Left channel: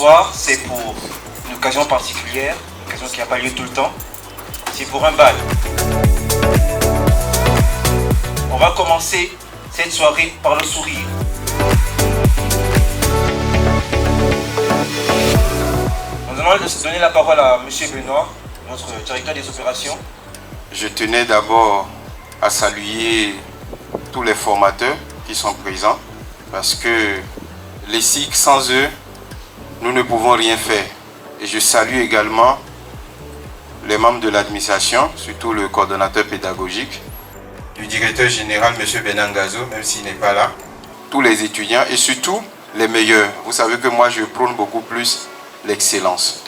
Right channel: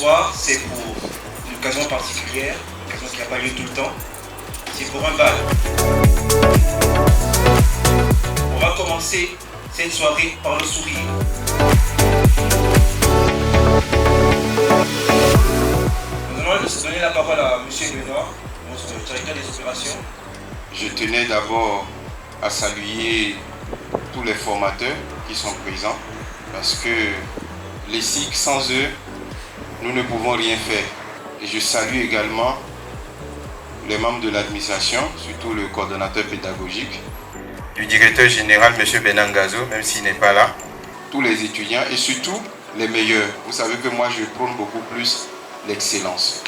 soir, c'est pour une occasion particulière, une occasion qui n'a pas lieu tout le temps. C'est pour un bal. On va commencer cette soirée par le sourire. Nous allons donner la parole à M. Lenoir, notre directeur des opérations. Je tenais d'abord à saluer tous les formateurs qui sont présents parce que les SIC, sans eux, nous ne pouvons rien faire. Et je salue également les membres de l'administration, surtout le coordonnateur pédagogique, du directeur général, M. Benangazo, même s'il n'est pas là, tous les étudiants et surtout les meilleurs. Vous savez que moi, je prône beaucoup plus l'excellence.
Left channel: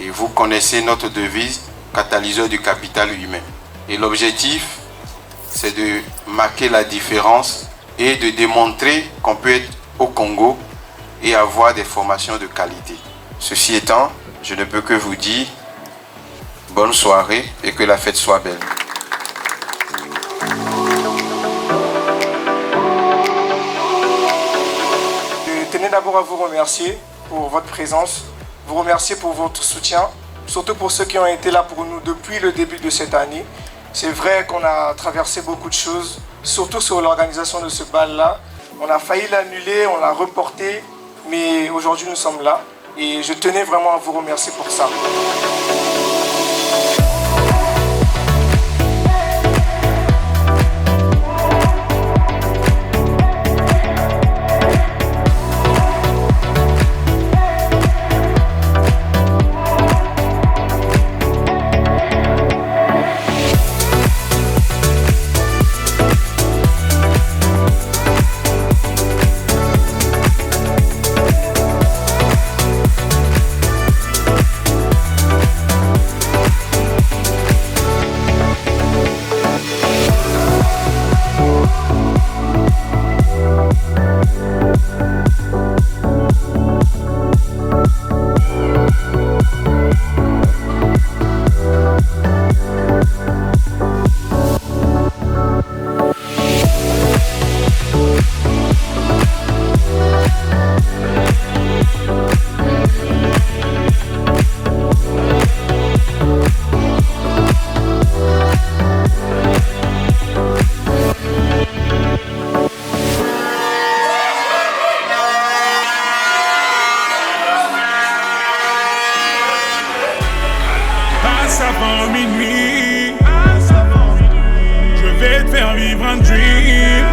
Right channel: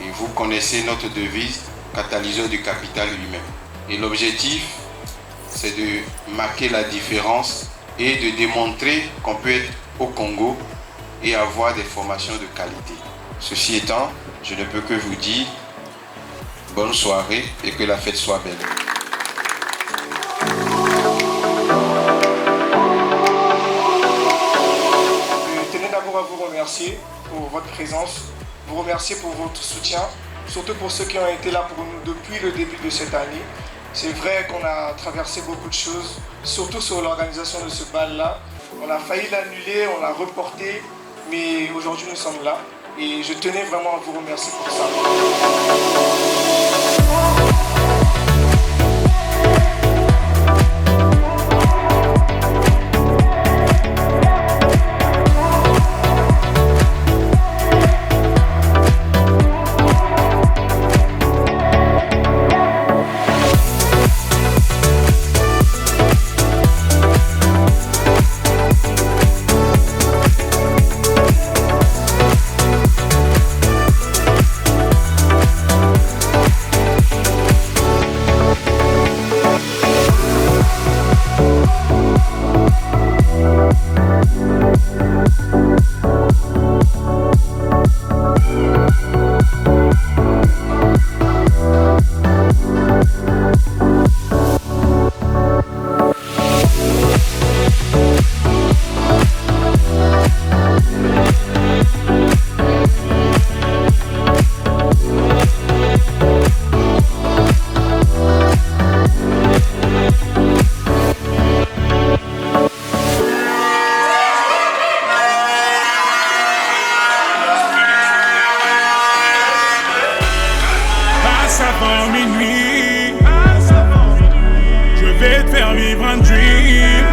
Et vous connaissez notre devise, catalyseur du capital humain. Et l'objectif, c'est de marquer la différence et de démontrer qu'on peut être au Congo et avoir des formations de qualité. Ceci étant, je ne peux que vous dire bonne soirée et que la fête soit belle. Je tenais d'abord à vous remercier pour votre présence, vous remercier pour votre soutien, surtout pour ceux qui ont été là pour nous depuis le début de cette année. C'est vrai qu'on a traversé beaucoup de choses, surtout sur l'organisation de ce bal-là. On a failli l'annuler, on l'a reporté, mais aujourd'hui nous sommes là et je tenais vraiment à vous remercier pour ça. Avant minuit, je vais te faire vivre un dream.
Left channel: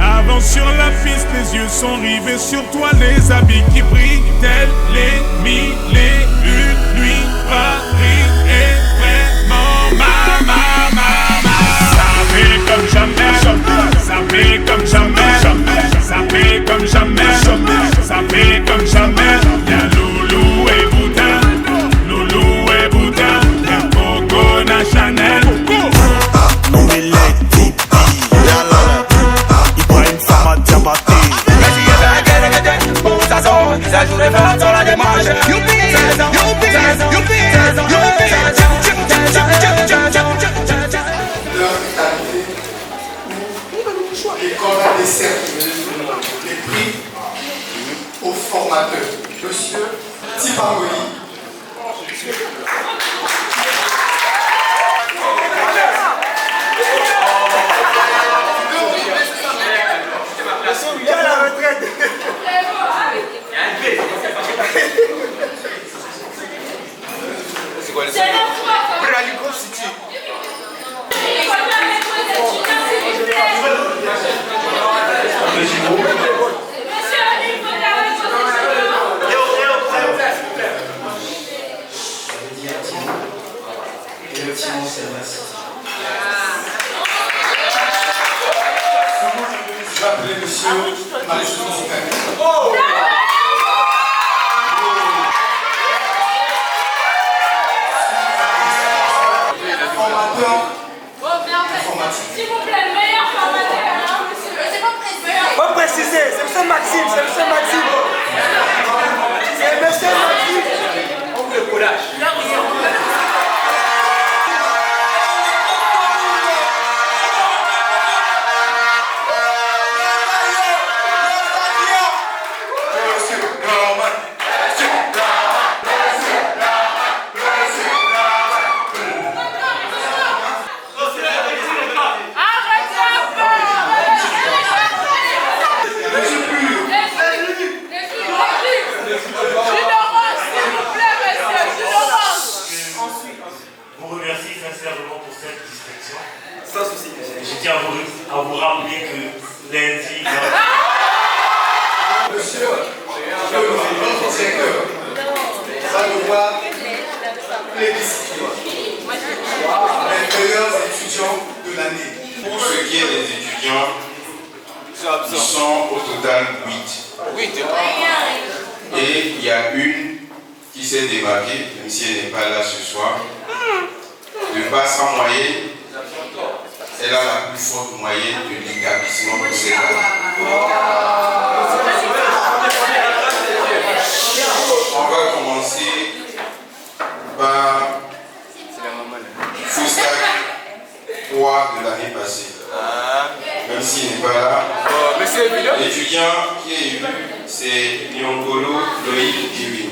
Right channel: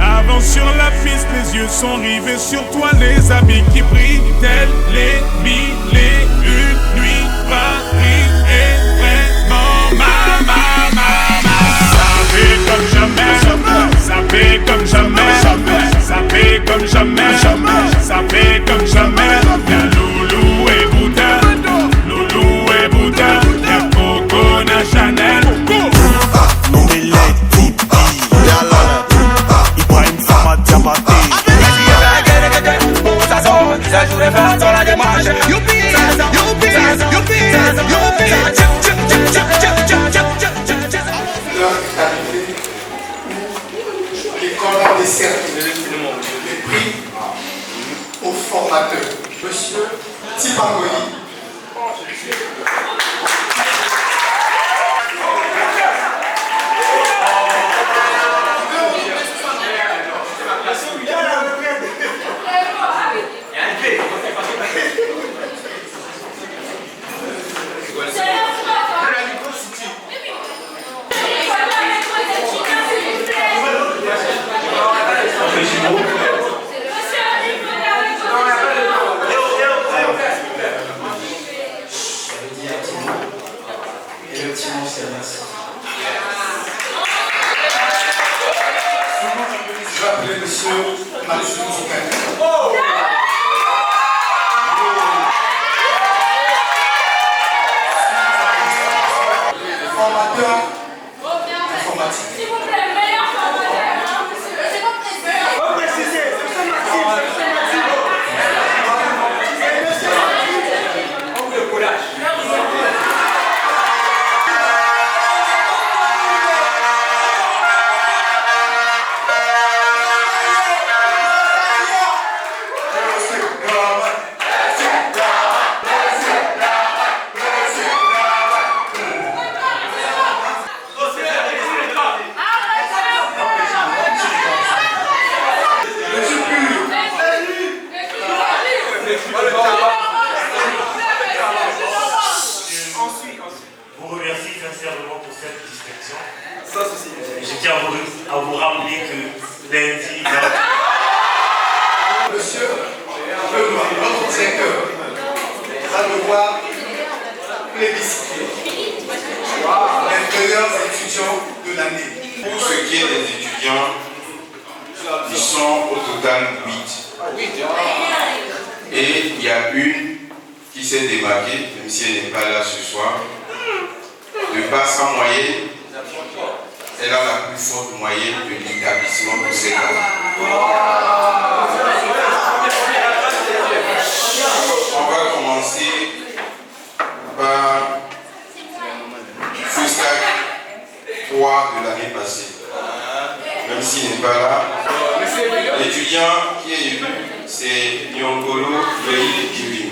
Avance sur la piste, les yeux sont rivés sur toi, les habits qui brillent, tels les mille et une nuits. Paris est vraiment ça fait comme jamais, ça fait comme jamais, ça fait comme jamais, ça fait comme jamais. Y'a Loulou et Bouddha, Loulou et Bouddha, y'a Coco Chanel. Non mais les tipi, Ibrahim Sama Diabaté. Ça joue les femmes sur la démarche. Youpi, L'école a décerné les prix aux formateurs. Monsieur Tipangoli. Je vais appeler monsieur Mathieu Zokani. Formateur informatique. S'il vous plaît, le meilleur formateur. C'est pas précisé. Pas préciser, c'est M. Maxime, c'est M. Maxime. C'est M. Maxime. On le courage. Monsieur, notre secteur va devoir plébisciter les meilleurs étudiants de l'année. Pour ce qui est des étudiants, ils sont au total 8. Et il y a une qui s'est démarquée, même si elle n'est pas là ce soir. De par sa moyenne, elle a la plus forte moyenne de l'établissement pour cette année. On va commencer par Foustak 3 de l'année passée. Même s'il n'est pas là, l'étudiant qui est élu, c'est Nyongolo Loïc Kevin.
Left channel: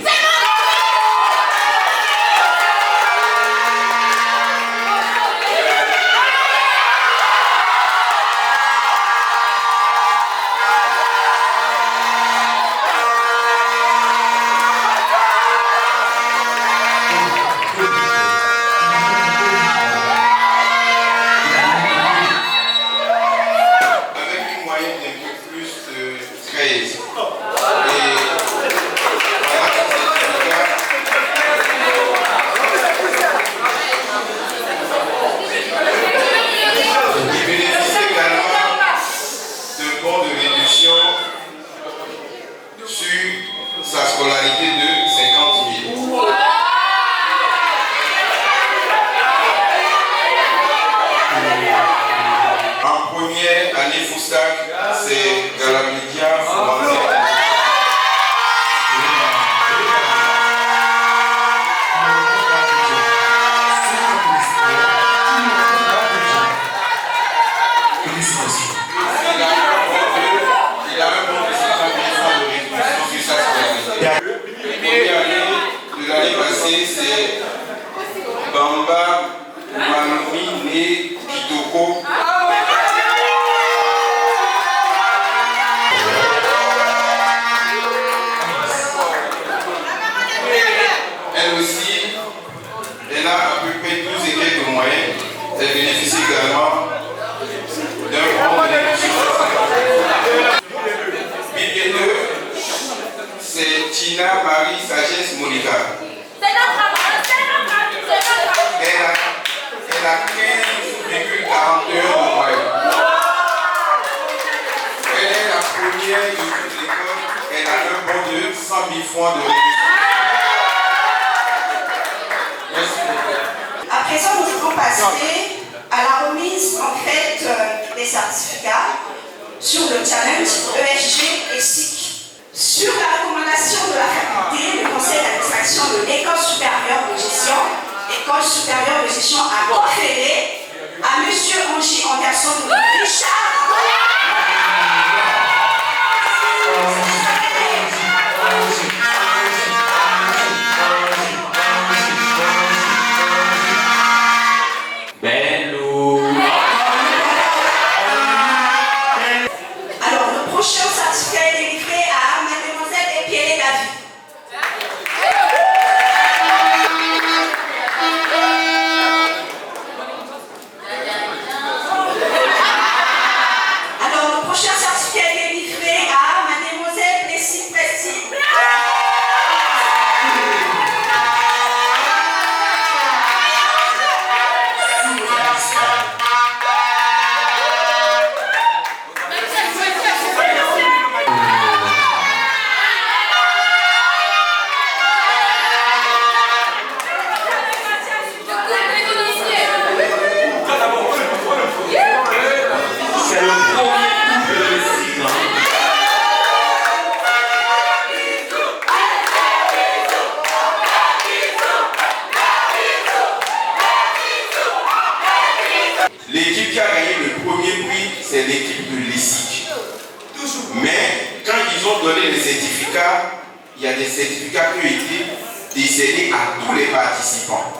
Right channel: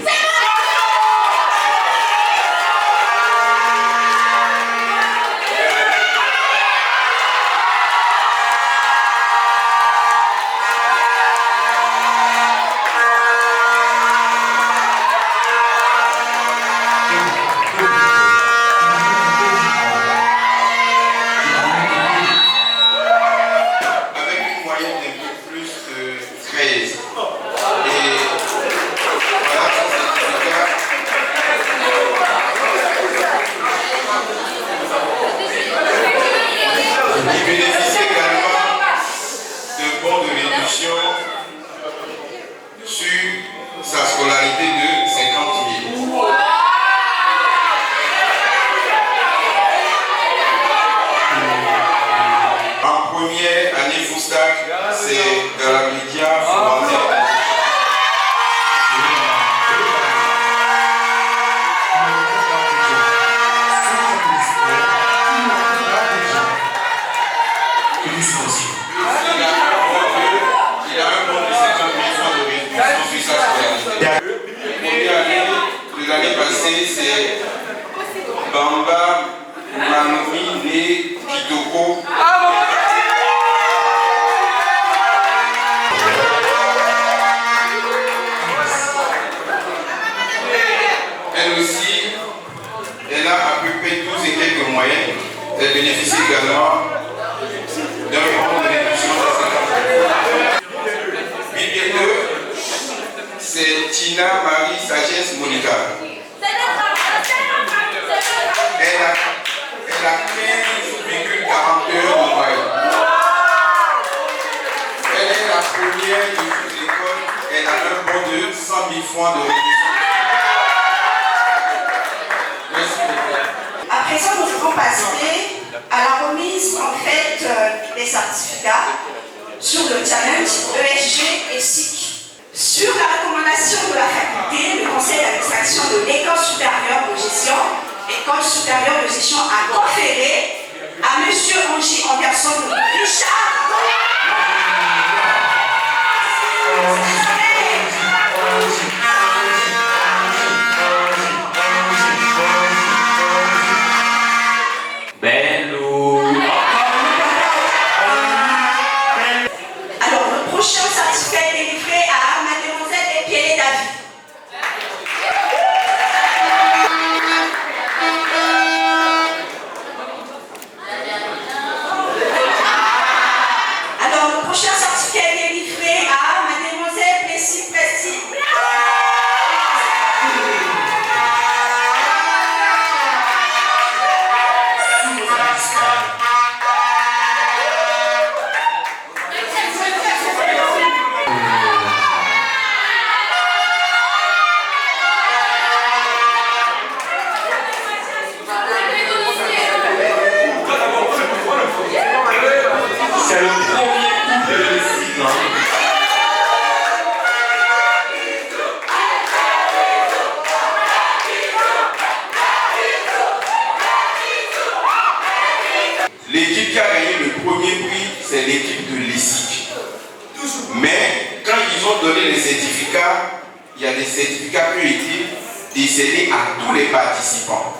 Il y a des certificats qui ont été décernés à tous les participants.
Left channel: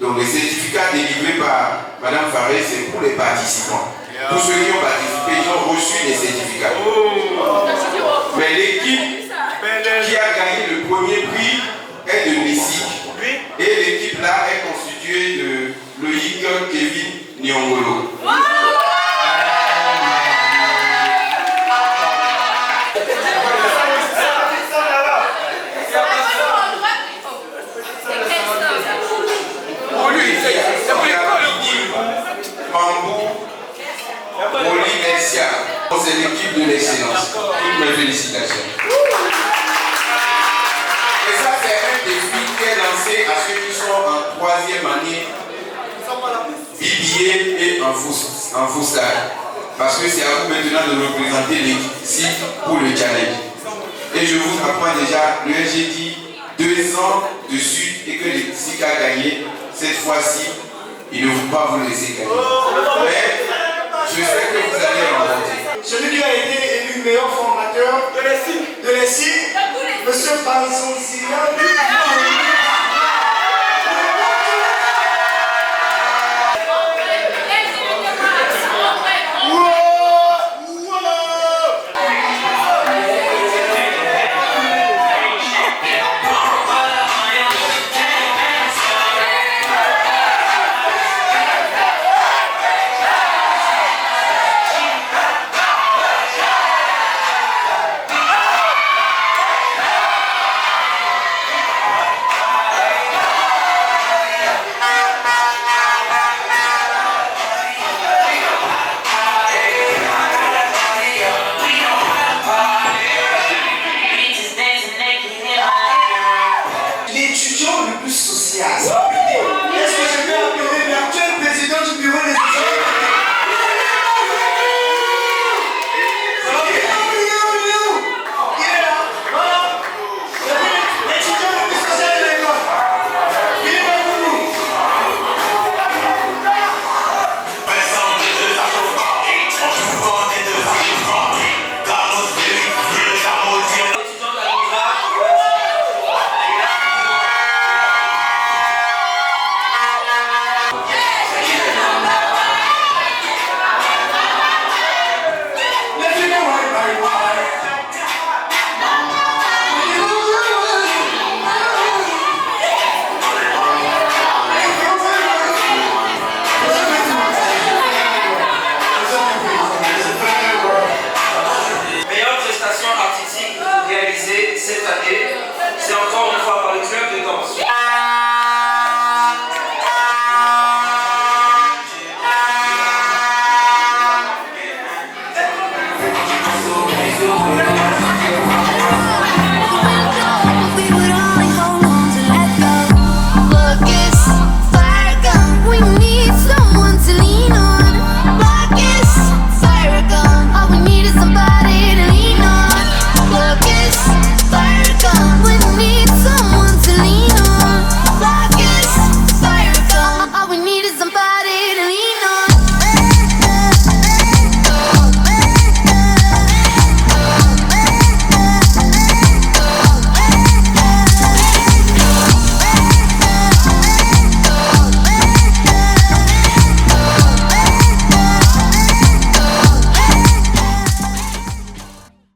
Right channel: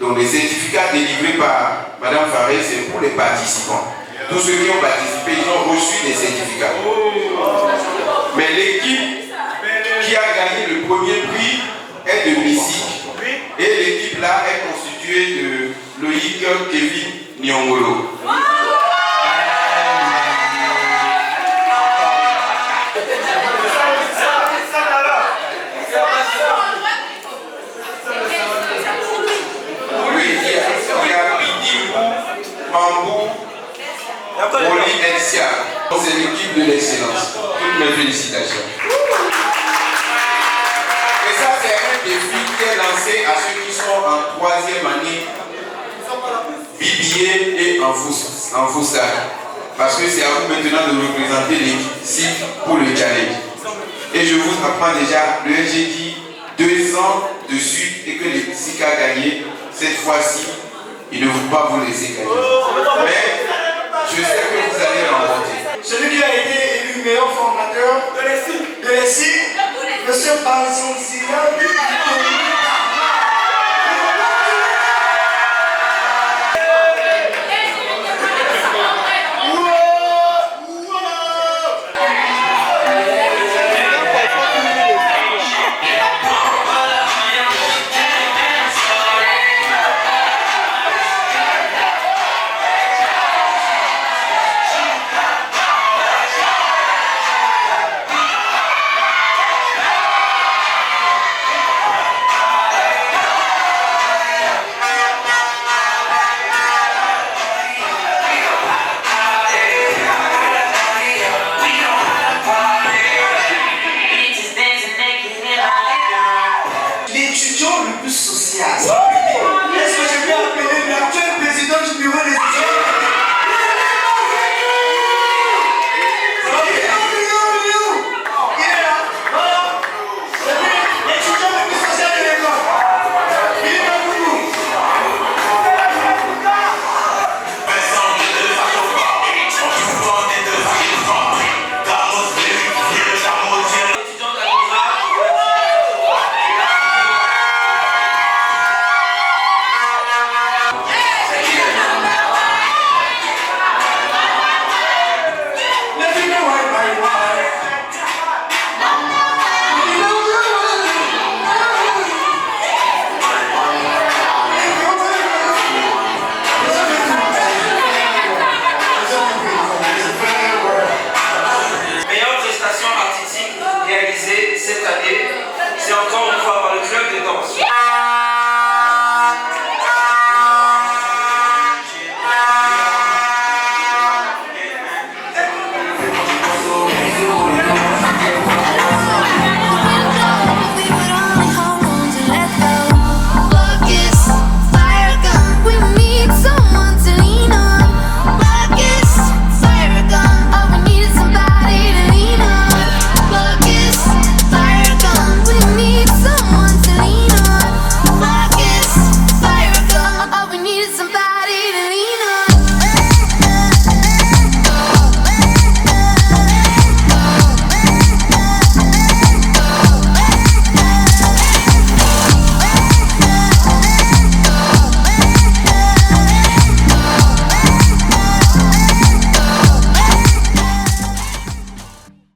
Donc les certificats délivrés par Mme Faré, c'est pour les participants. Tous ceux qui ont participé, ils ont reçu des certificats. Mais l'équipe qui a gagné le premier prix est de Missik. Et l'équipe là est constituée de Loïc Kevin Nyongolo. C'est l'équipe de l'excellence. Toutes mes félicitations. Et ça, c'est un défi qui est lancé à ceux qui sont en troisième année BBA et en FUSAC. Parce que c'est à vous maintenant de représenter l'équipe pour le challenge. Et je vous apprends déjà, le SG dit 2 ans de suite et que le SIC a gagné. Cette fois-ci, il ne veut pas vous laisser gagner. Mais je sais que vous allez remporter. Celui qui a été élu meilleur formateur de l'ESIC, M. Panson Silla. L'étudiant le plus social. Est-ce que je peux appeler l'actuel président du bureau des étudiants? Cette année, c'est encore une fois par le club de danse.